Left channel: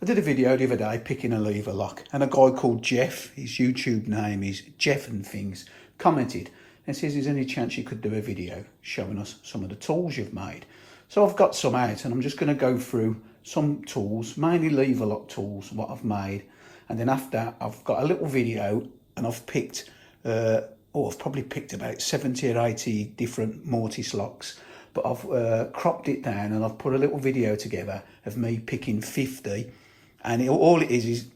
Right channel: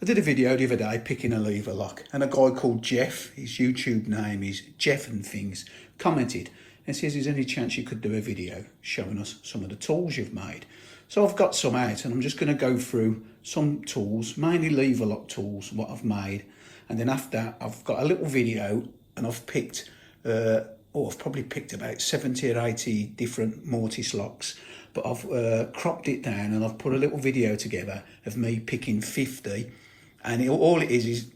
I did a video the other day picking a lever lock, and a guy called Jeff, his YouTube name is Jeff and Things, commented and says, is there any chance you could do a video showing us some of the tools you've made? So I've got some out and I'm just going to go through some tools, mainly lever lock tools, what I've made. And then after I've got a little video and I've picked, I've probably picked about 70 or 80 different Mortice locks, but I've cropped it down and I've put a little video together of me picking 50. And all it is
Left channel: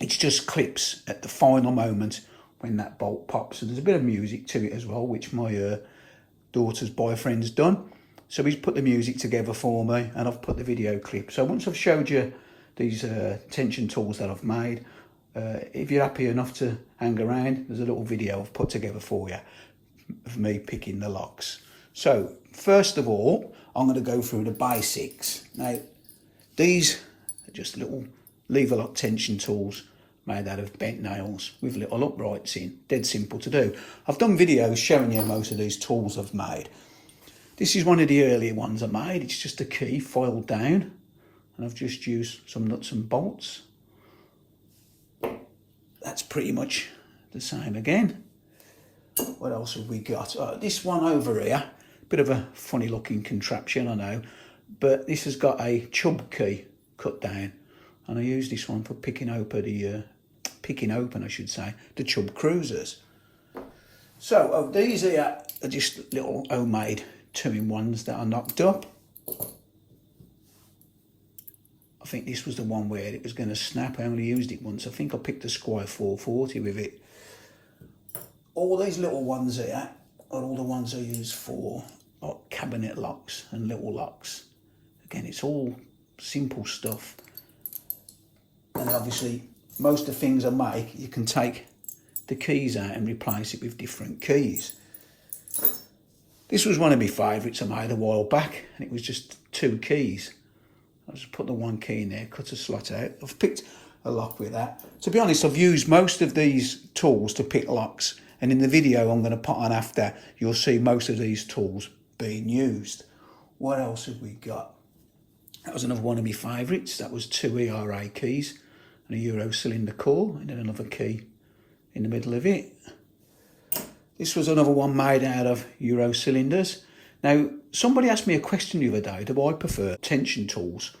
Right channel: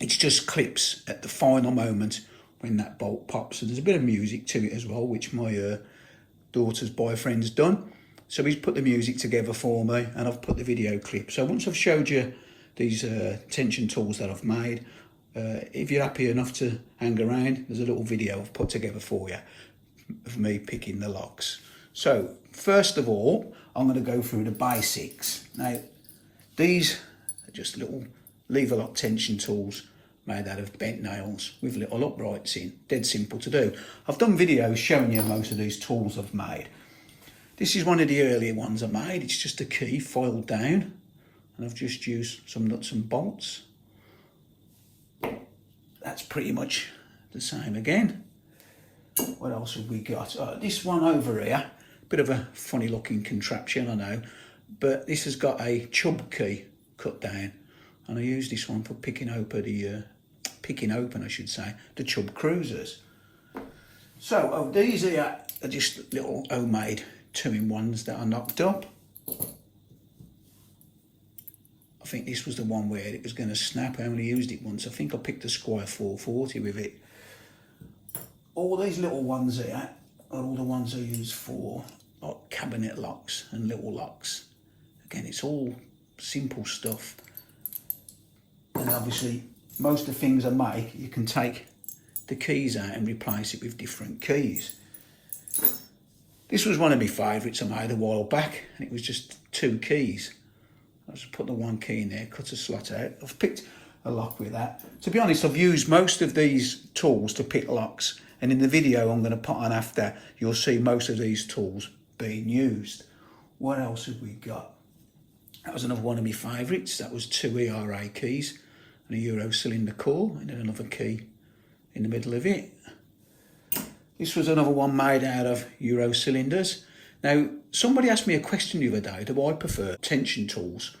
it's just clips at the final moment when that bolt pops. So there's a bit of music to it as well, which my daughter's boyfriend's done. So he's put the music together for me and I've put the video clip. So once I've showed you these tension tools that I've made, if you're happy enough to hang around, there's a little video I've put together for you of me picking the locks. So first of all, I'm going to go through the basics. Now, these are just little lever lock tension tools made out of bent nails with little uprights in. Dead simple to do. I've done videos showing you most of these tools I've made. This is one of the earlier ones I made. It's just a key filed down, and I've just used some nuts and bolts. That's pretty much the same again. What else have we got? This one over here, bit of a funny looking contraption, I know, but this has got a chub key cut down, and I use this one for picking open the chub cruisers. So these here are just little homemade 2-in-1s that I knocked up. I think this was the one where it was going to snap. I only used it once. I think I picked a Squire 440 with it. All these little ones here are all the ones I use for like cabinet locks and little locks. Again, it's all simple stuff. And obviously, most of the things I make, you can take the keys out and replace it with different keys. This was one of my favourites I made a while back, and it was just 2 keys. I just put the 1 key in there, cut a slot out. I've picked a lock with that. To be honest, I've used most of these tools to pick locks, and in the video I'm going to put on after, you'll see most of these tools being used. What else have we got? That was another one of my favourites. That was 2 ERA keys and a Euro cylinder core, and then another key in the middle of it. This was another one made out of Euro cylinders. Now, somebody asked me a question the other day, do I prefer tension tools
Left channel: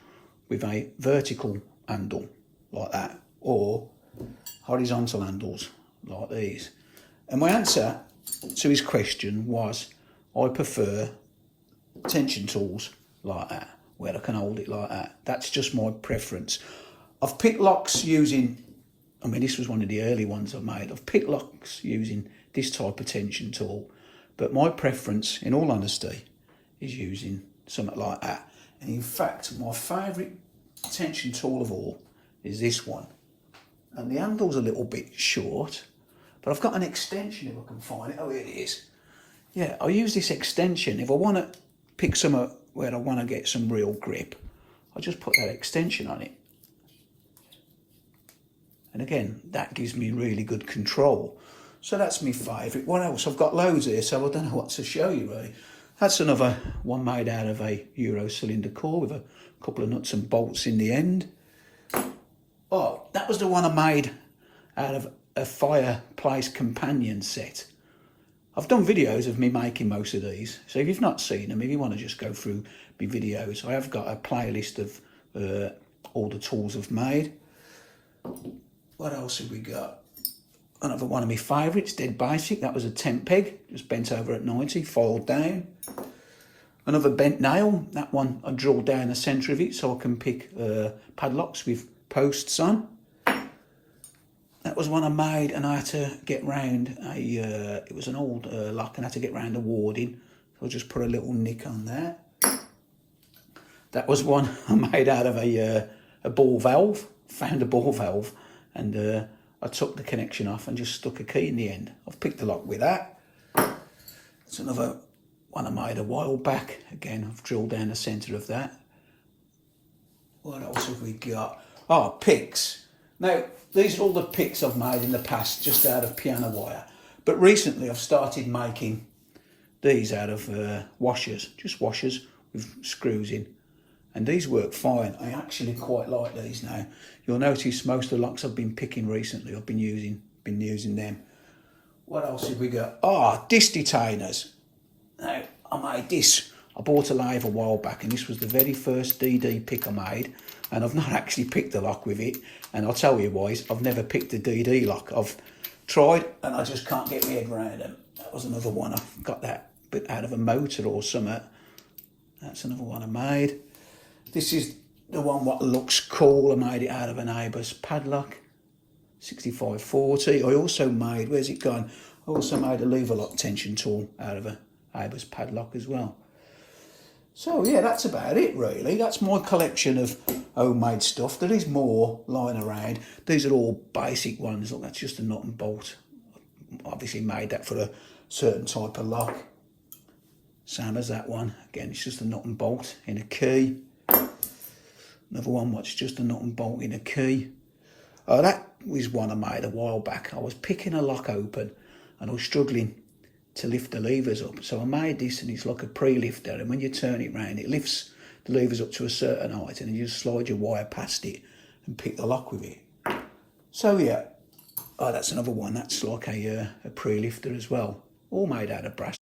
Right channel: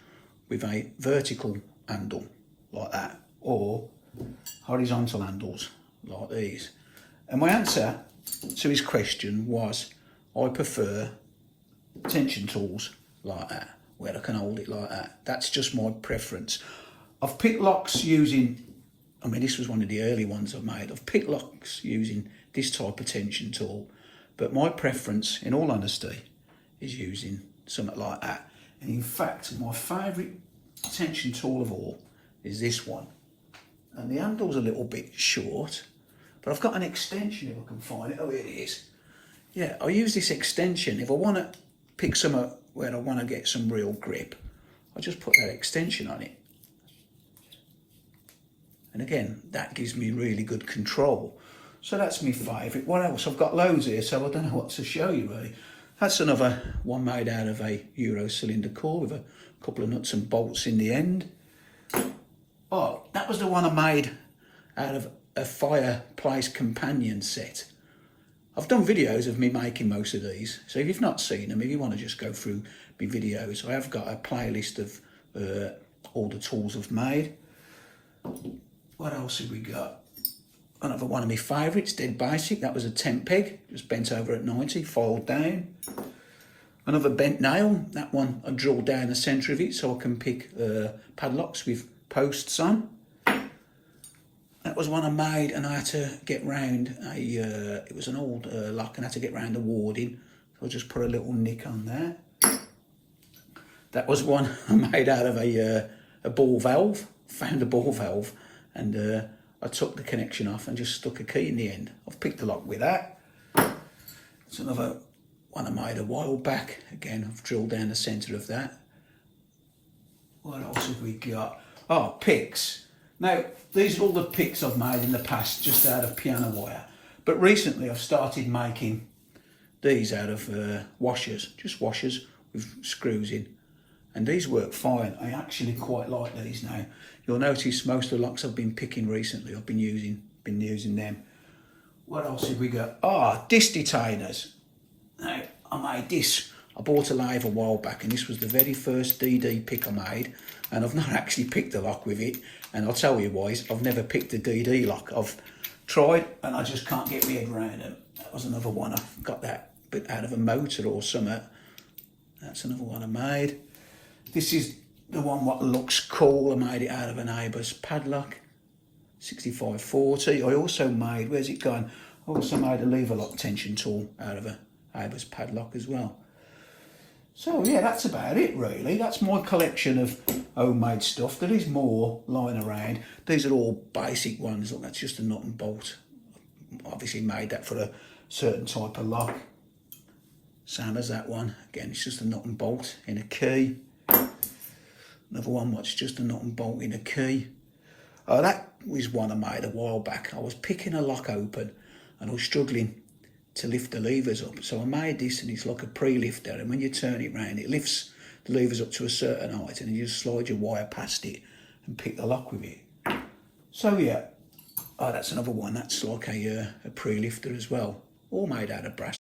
with a vertical handle like that or horizontal handles like these? And my answer to his question was, I prefer tension tools like that, where I can hold it like that. That's just my preference. I've picked locks using, this was one of the early ones I've made. I've picked locks using this type of tension tool, but my preference, in all honesty, is using something like that. And in fact, my favourite tension tool of all is this one. And the handle's a little bit short, but I've got an extension if I can find it. Oh, here it is. Yeah, I use this extension. If I want to pick something where I want to get some real grip, I just put that extension on it. And again, that gives me really good control. So that's my favourite. What else? I've got loads here, so I don't know what to show you really. That's another one made out of a Euro cylinder core with a couple of nuts and bolts in the end. Oh, that was the one I made out of a fireplace companion set. I've done videos of me making most of these, so if you've not seen them, if you want to just go through my videos, I have got a playlist of all the tools I've made. What else have we got? Another one of my favourites, dead basic. That was a tent peg, just bent over at 90, folded down. Another bent nail. That one I drilled down the centre of it so I can pick padlocks with posts on. That was one I made, and I had to get round it was an old lock, and I had to get round the warding. So I just put a little nick on there. That was one I made out of a ball valve. Found a ball valve, and I took the connection off and just stuck a key in the end. I've picked a lock with that. It's another one I made a while back. Again, I've drilled down the centre of that. What else have we got? Oh, picks. Now, these are all the picks I've made in the past, just out of piano wire. But recently I've started making these out of washers, just washers with screws in. and these work fine. I actually quite like these now. You'll notice most of the locks I've been picking recently, I've been using them. What else have we got? Disc detainers. Now, I made this. I bought a lathe a while back, and this was the very first DD pick I made, and I've not actually picked a lock with it, and I'll tell you why. I've never picked a DD lock. I've tried, and I just can't get my head around them. That was another one. I got that bit out of a motor or something. That's another one I made. This is the one what looks cool. I made it out of an Abus padlock, 6540. I also made, where's it gone? I also made a lever lock tension tool out of a Abus padlock as well. So yeah, that's about it really. That's my collection of homemade stuff. There is more lying around. These are all basic ones. Look, that's just a nut and bolt. Obviously made that for a certain type of lock. Same as that one. Again, it's just a nut and bolt in a key. Another one which is just a nut and bolt in a key. That was one I made a while back. I was picking a lock open and I was struggling to lift the levers up. So I made this, and it's like a pre-lifter, and when you turn it round, it lifts the levers up to a certain height, and you just slide your wire past it and pick the lock with it. So yeah, that's another one. That's like a pre-lifter as well, all made out of brass.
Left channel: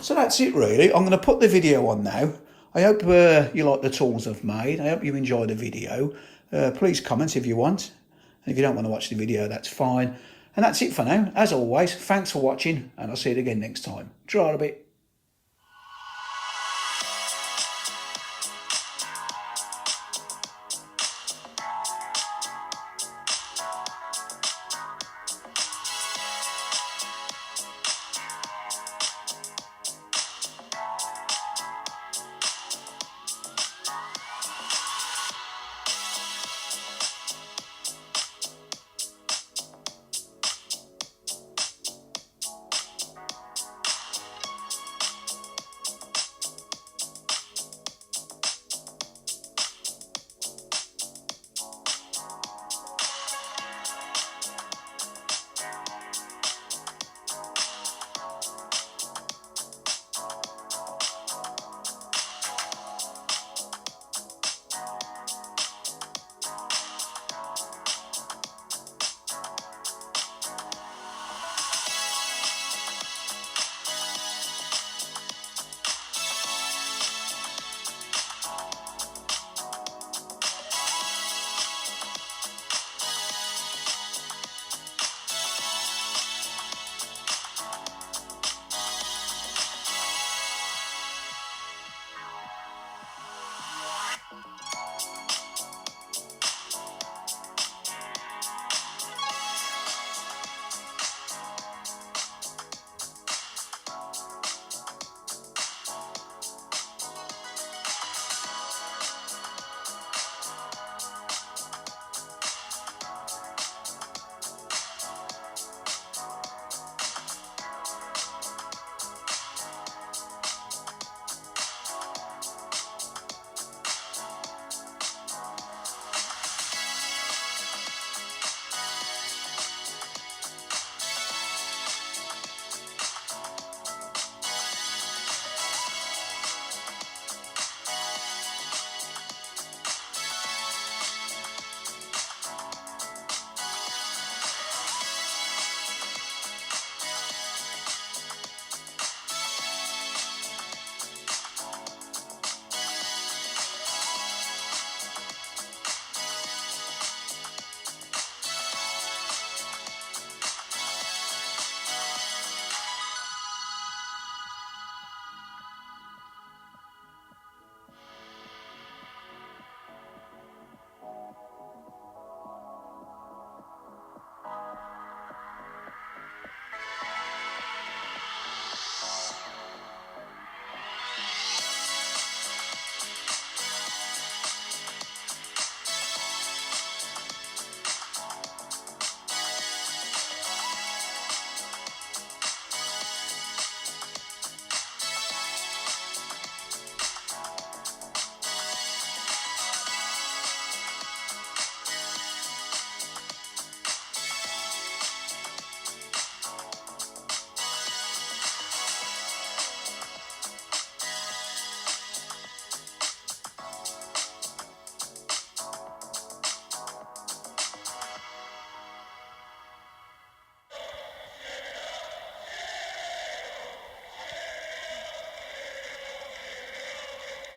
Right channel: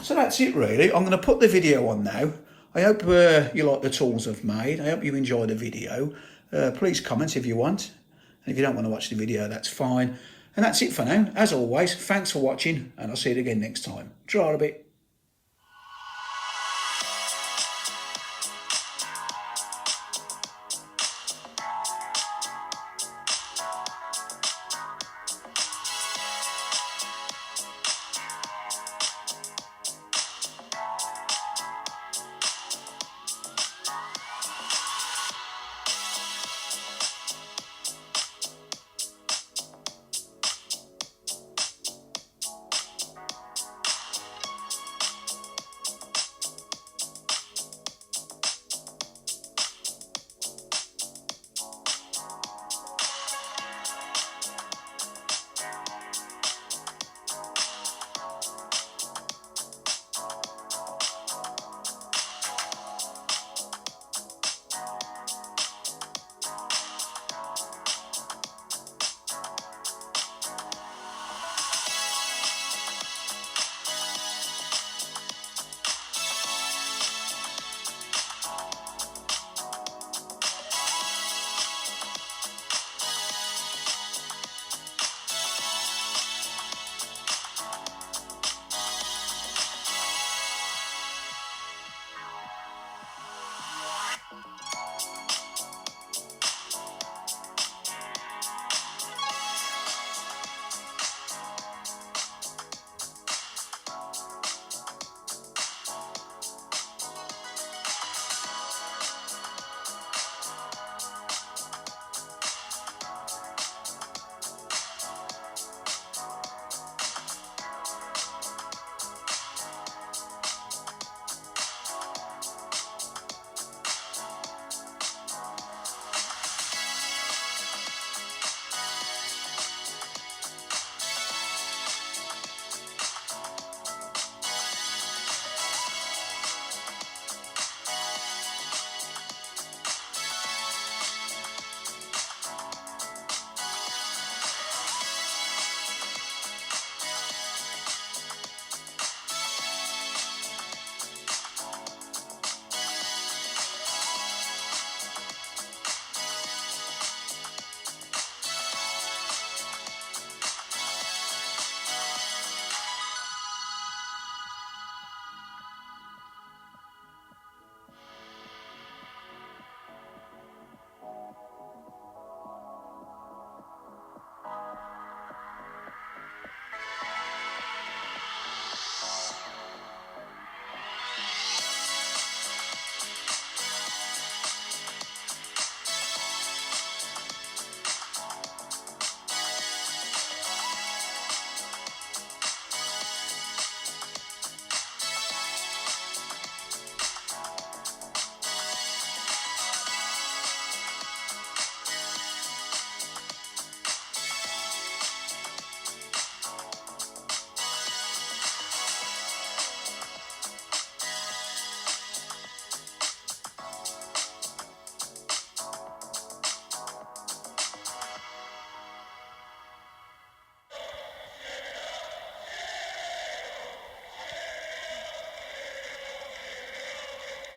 So that's it really. I'm going to put the video on now. I hope you like the tools I've made. I hope you enjoy the video. Please comment if you want. And if you don't want to watch the video, that's fine. And that's it for now. As always, thanks for watching, and I'll see you again next time. Try a bit.